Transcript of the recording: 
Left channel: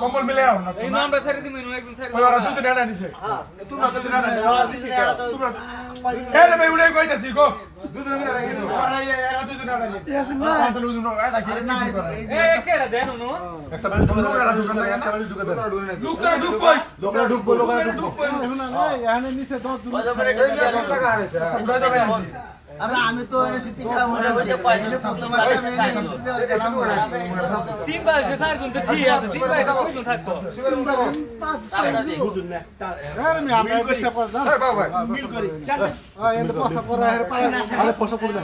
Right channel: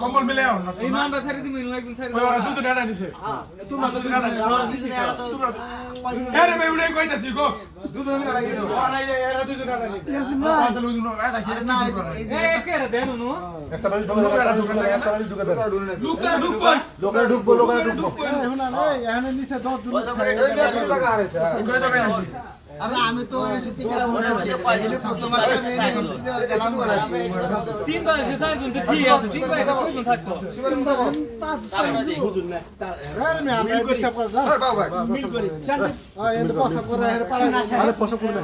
কম্বল মিলে আমরা ছেড়ে দিই একদিন ছেড়ে ওরা দুজন এরা নিছে তোমরা তো দুজন এরা তোমরা এরে ভাই উড়ে কইতাছি গো দুজন এরা কি দাও আরে এরা দুজন এরা কি না দুজন এরা কি না এ কেডা দেন উনো একটা বাড়ি ঢুকা দোকান লাগে একটা বাড়ি ঢুকা দেন লোকটা ঢুক কই লোকটা ঢুকবো না এখানে নিচে 10 জন টাকা আছে উড়ে টাকা আছে अरे आम्ही तो सिटी केला म्हणून तीन बार से सार गुंत थी तीन बार का कोण থাকতো बुझुन ना अरे मी आम्ही कष्ट करतो मिल करी हा यांना पासा पर अरे पासा पर